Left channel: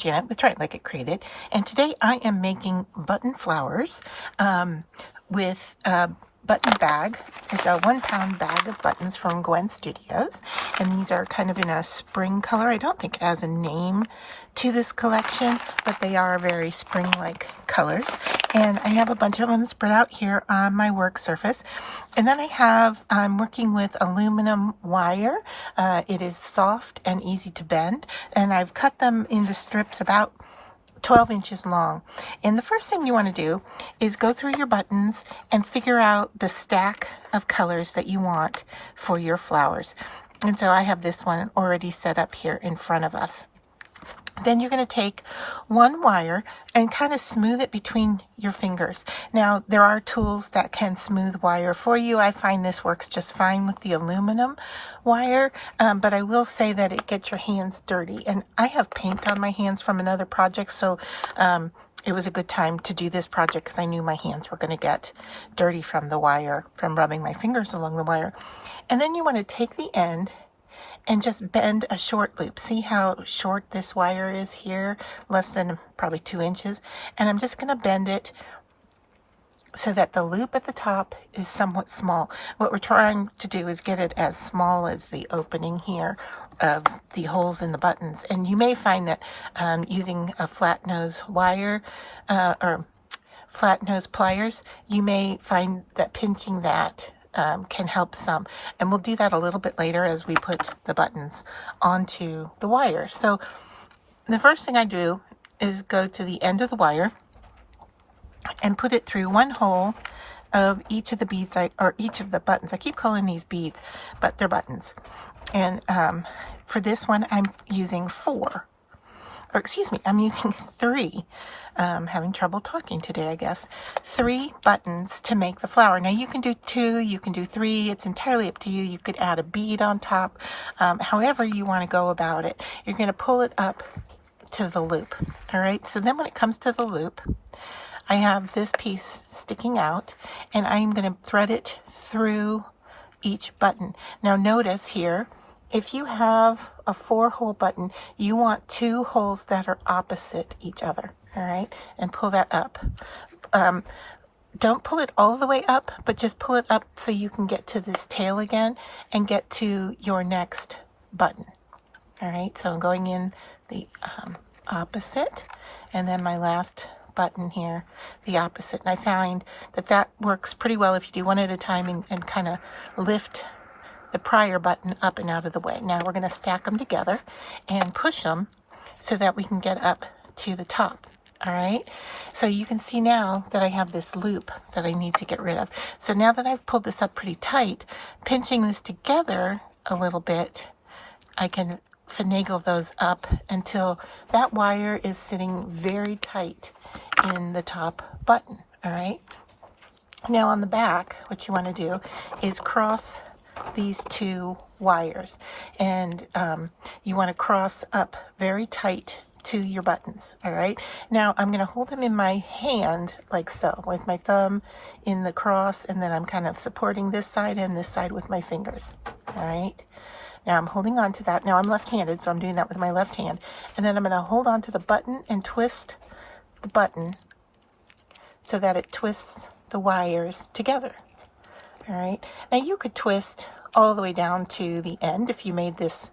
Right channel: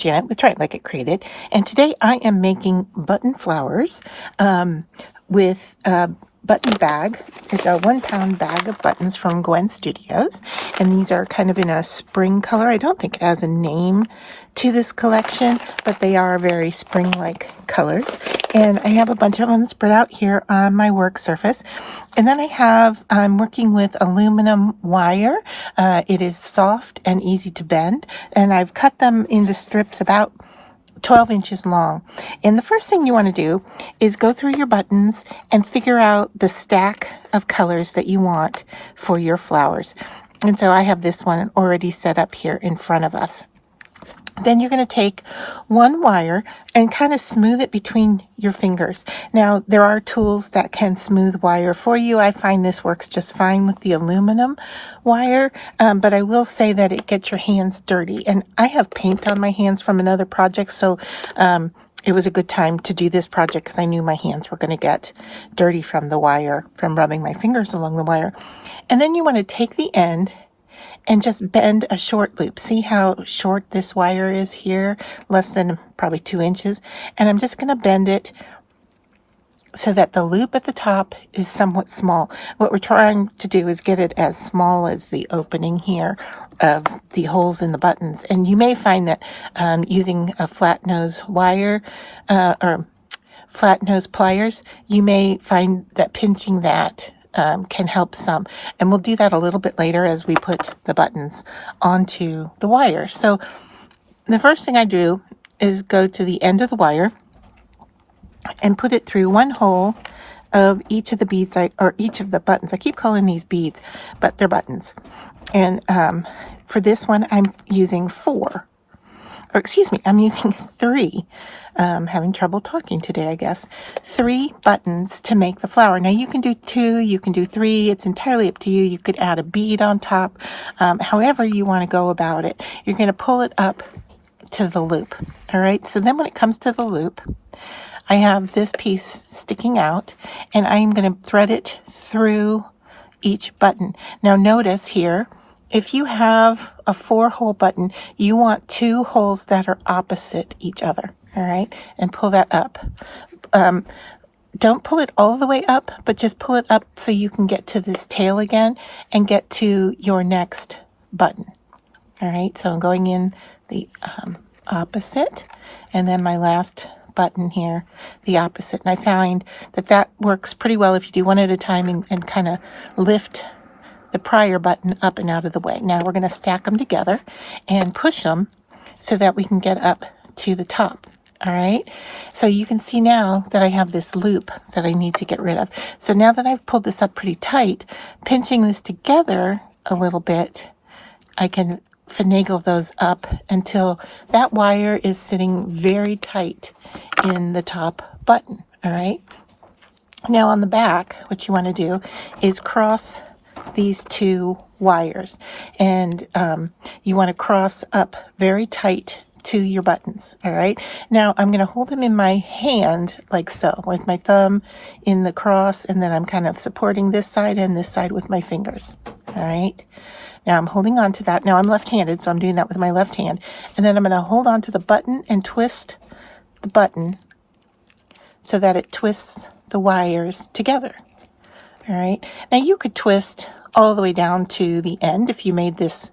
Janet with Try It Like It Created, and today I am making button flowers with a button bag. It's a 1 pound bag of buttons from Gwen Studios, and these are kind of in a spring color. I don't think it has a name to this collection, but they are very spring-like colors. And I have a bunch of them spread out here on my work surface. And then I'm working with aluminum wire. It is soft and easy to bend, and I've cut them into strips about 12 inches long. And the first thing you want to do is go through your buttons and figure out the stack of colors that you want for your flowers. And so I have this one already set up here in front of us. Then you're going to take one wire and kind of smooth it between your fingers. Now, there are tools that can smooth wire for you. I find this works just fine with the aluminum wire, but I will say that it gets your hands dirty. And I have paint on my hands from another project, so it was a good time to do this project because I knew my hands were going to get dirty from the wire, from rubbing my fingers along the wire. And then you want to take the end and just bend a short loop. See how short this wire is here? Less than probably 2 inches. And I'm just going to bend it so that the loop at the top is somewhat small. What we're trying to do is get it as small as the opening here of the holes in the buttons. And you may find that using a flat nose wire or flat nose pliers, you may find that pinching that can help some, and we'll do that a little bit later as we put the buttons onto the wire. So the first thing I do is go to the end of the wire and put it through one hole of each of the beads, or each of the buttons. I keep calling these beads, but they're buttons. And for this one, I'm using 4. Or excuse me, I'm using 3. Having trouble talking today, I guess. 3 buttons to make the flower. Now you can do 2, you can do 3. It's entirely up to you. You could add a bead on top. However you want to go about it. You're going to pull it up to the loop. All right. So then when it comes to the loop, I have this piece sticking out, and I'm going to thread it through each button. Now notice here, if you have a 4-hole button, you want 2 holes that are opposite each other, all right? And pull that up. Don't pull it all the way up, but just pull it up so you can get to this tail again and get to your next button, all right? So I'm going in the opposite, and then my last button here, the opposite. And I find that that works pretty well if you do one at a time and kind of lift the prior button up and out of the way. Now we're going to stack them together and push them so that we can get up to the top. All right. So you can see now that I have this loop that I need to get rid of. So now that I've pulled this up pretty tight, pinching this together a little bit, I can finagle those up until that wire is sitting very tight in the top button. All right. Now on the back, what you want to do is cross these 2 wires, and you want to cross up very tight to your buttons. All right. Now I'm going to hold them in my hand like so, with my thumb in the cross, and then I'm kind of supporting this side and this side with my fingers. All right. Now I'm holding on to that. Now I'm left-handed, so I'm doing that with my left hand, and then I'm going to hold on to the button and twist the button so that it twists the wires together. All right. Now you could twist all the way down to the end if you made this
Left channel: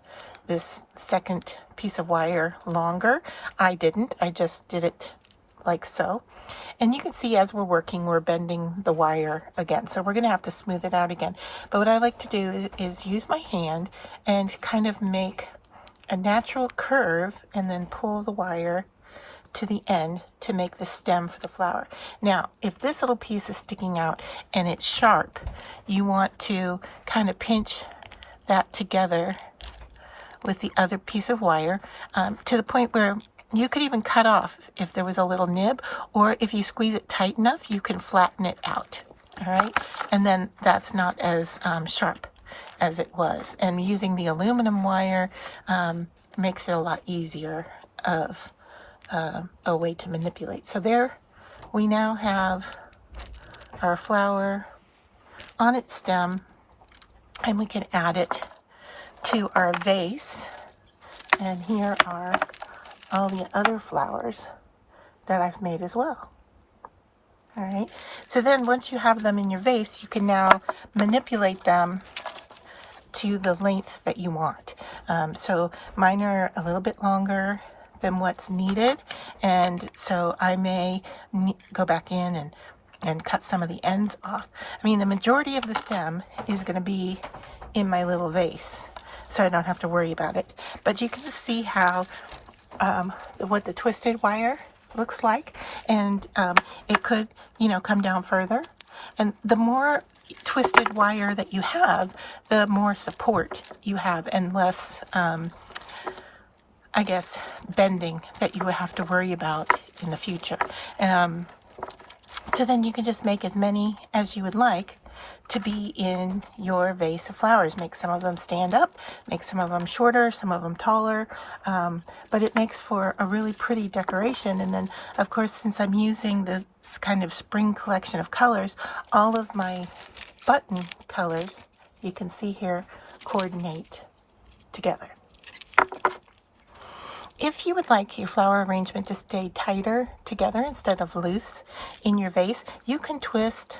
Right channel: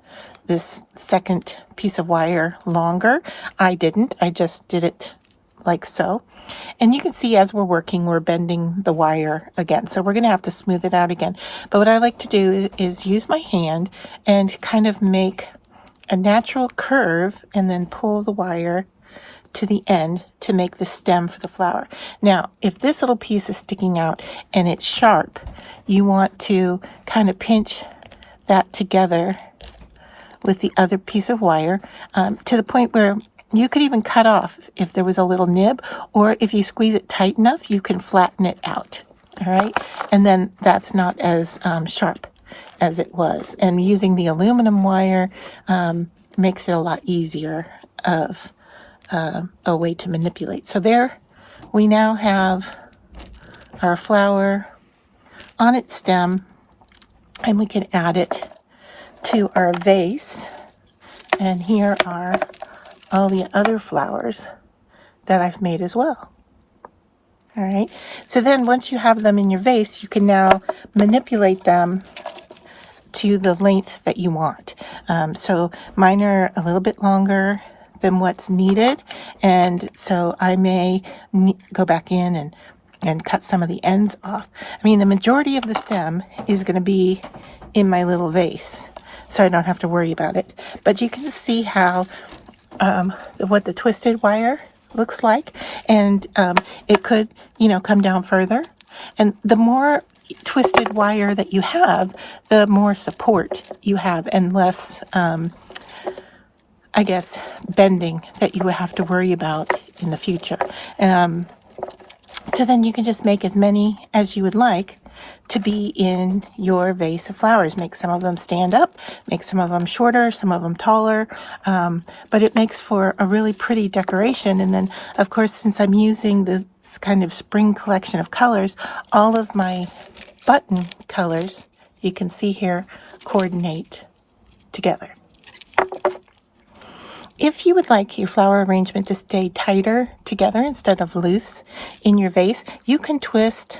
second piece of wire longer. I didn't. I just did it like so. And you can see as we're working, we're bending the wire again. So we're going to have to smooth it out again. But what I like to do is use my hand and kind of make a natural curve and then pull the wire to the end to make the stem for the flower. Now, if this little piece is sticking out and it's sharp, you want to kind of pinch that together with the other piece of wire to the point where you could even cut off if there was a little nib, or if you squeeze it tight enough, you can flatten it out. All right. And then that's not as sharp as it was. And using the aluminum wire makes it a lot easier of a way to manipulate. So there we now have our flower on its stem, and we can add it to our vase. And here are all the other flowers that I've made as well. All right, so then once you have them in your vase, you can now manipulate them to the length that you want. So mine are a little bit longer than what's needed, and so I may go back in and cut some of the ends off. I mean, the majority of the stem is going to be in my little vase, so I don't have to worry about it. But you can see how what the twisted wire looks like, and it could, you know, come down further. And the more twisted wire that you have, the more support you have, and less I guess bending that you would have to worry about in the future. So then you can just make as many as you would like to be in your vase of flowers. Make some of them stand up, make some of them shorter, some of them taller, but it makes for a really pretty decoration. And then, of course, since I'm using this kind of spring collection of colors, all of my button colors, you can see here, coordinate together. If you would like your flower arrangement to stay tighter together instead of loose in your vase, you can twist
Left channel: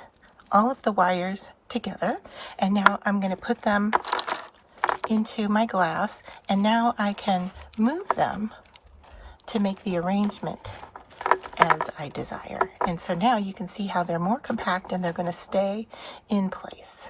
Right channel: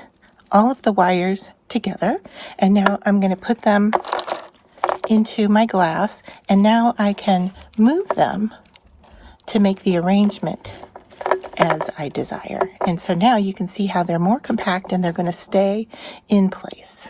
all of the wires together. And now I'm going to put them into my glass, and now I can move them to make the arrangement as I desire. And so now you can see how they're more compact and they're going to stay in place.